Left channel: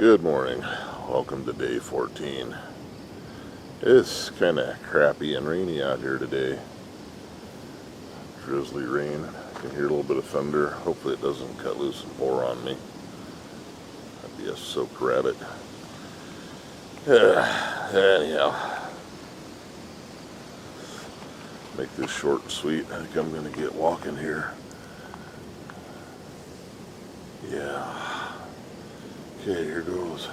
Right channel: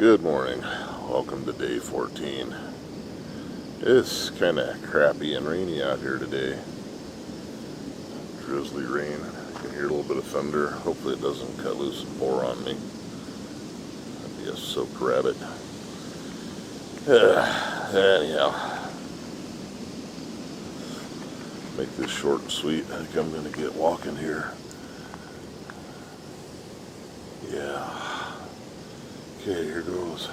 Good morning. Welcome to day 14. It's kind of crappy and rainy out here today. Drizzly rain. You can hear a little bit of thunder. Hopefully it doesn't cut loose and pour on me. That'd be a soaked rabbit. Anyhow, make this short and sweet. I think I'm going to get walking here. Yeah. Okay, here goes.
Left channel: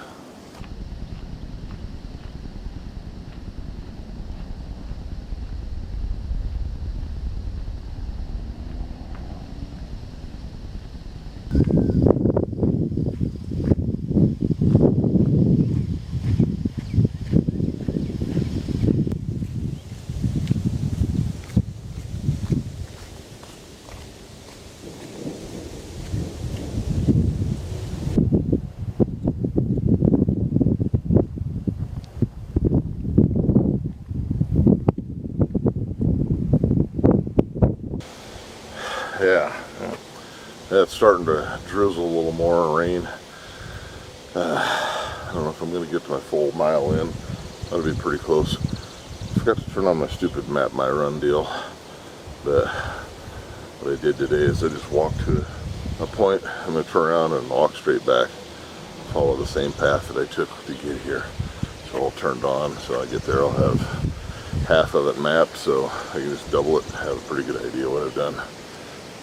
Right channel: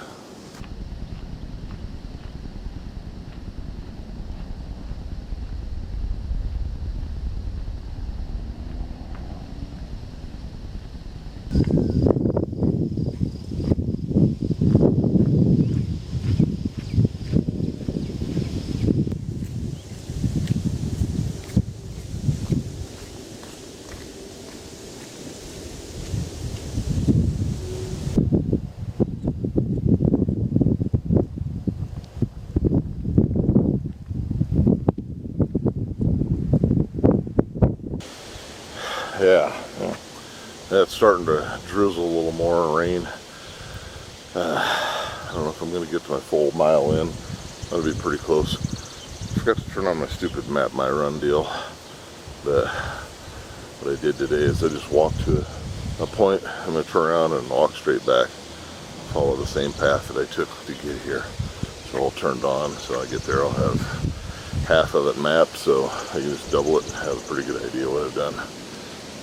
Yeah, it's starting to drizzle a little more, rain. I don't know if I'm going to get to my full mile in. That'll be pretty close. Forgot to turn on my stupid Map My Run deal. But what I did today is I just walked to a point. I'm going to turn around and walk straight back. Follow the same path that I took to get here. So all turned on. So I get there, I'll have half of it mapped. So I can just double it and have a pretty good idea what I've done.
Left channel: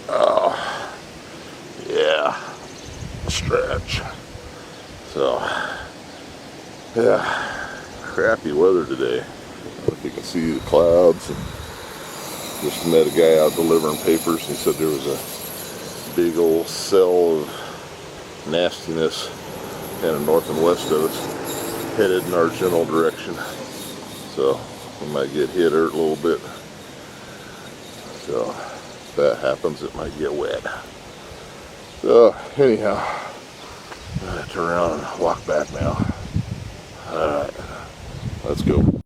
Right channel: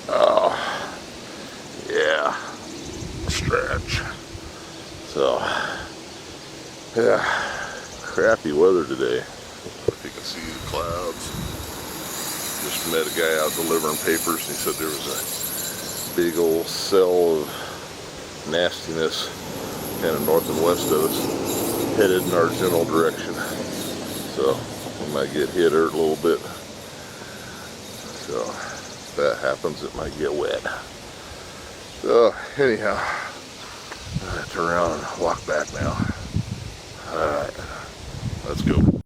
Oh, yeah, stretch. So, yeah, crappy weather today. I don't know if you can see the clouds. Just met a guy out delivering papers, and he said there was a big old cell of nastiness kind of north and west of us, headed in our general direction. So, we might get hit or a little bit. So, that happens, it might get wet. So anyhow, I'm gonna turn around and walk back now. Alright, let's go.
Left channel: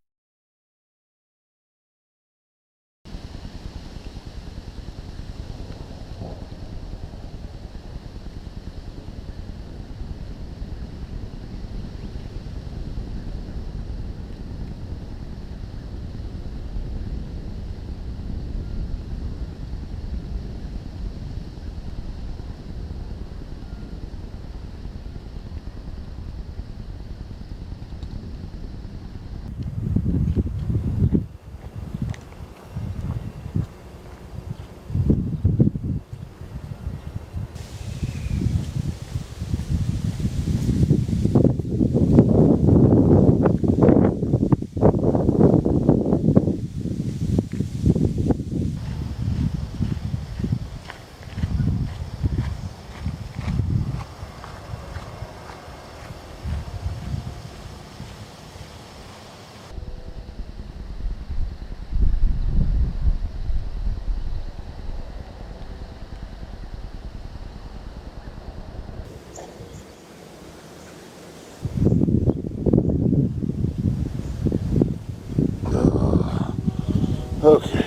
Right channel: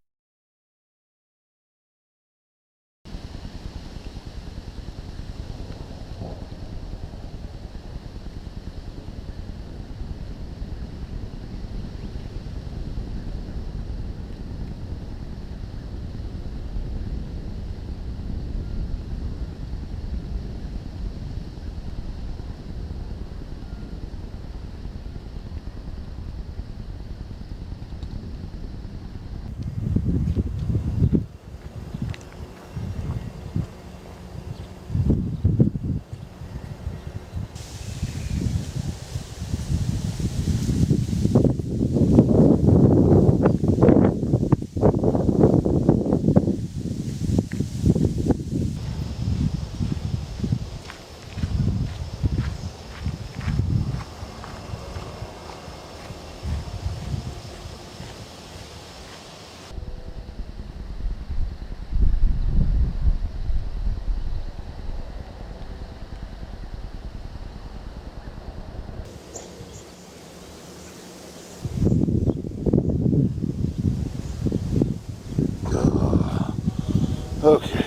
Okay.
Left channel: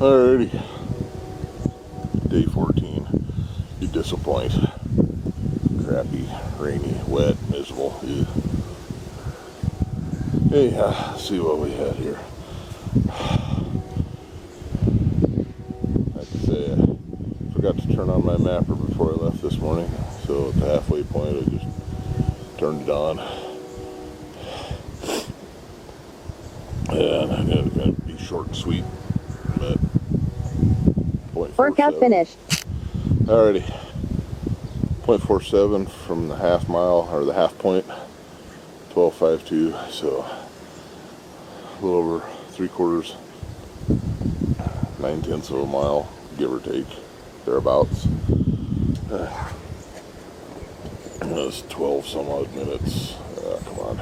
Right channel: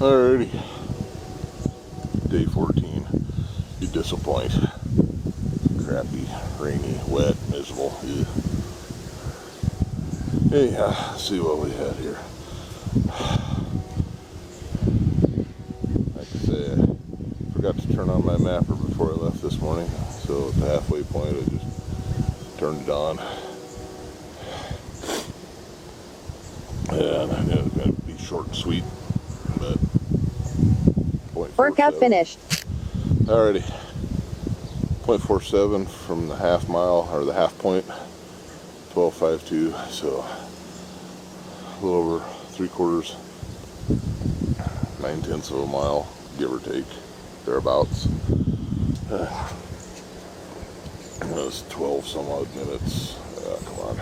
Alrighty. Day 14. You disappoint. Crappy, rainy, wet, miserable. Ew. Anyhow, see what we had here. Like I say, I forgot to turn on my mapper before I left this morning. So at the halfway point, I just turned it on. And I knew it was going to be short and sweet, but workout finished. Alrighty, 0.47 from the half mile, or the half point, 12.52, so a little over 3/4, 9/10 of a mile, give or take, thereabouts. That's 12 some odd minutes. Come on.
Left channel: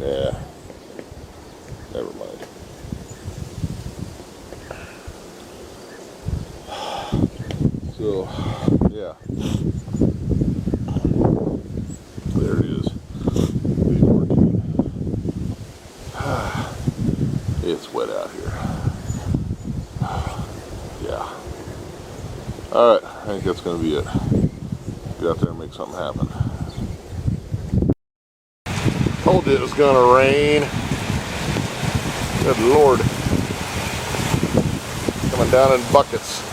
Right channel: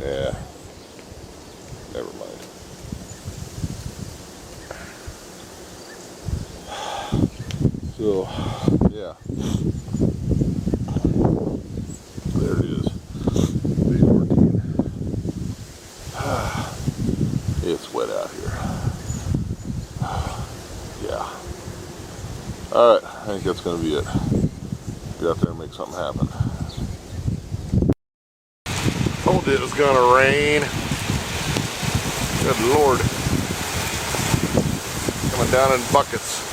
Yeah. Never mind. So, yeah. There it is. 3:14. It's wet out here. Yeah. Alright, I think that's going to be it. Get out there and make something happen. Told you it was going to rain. Good Lord. Coming down in buckets.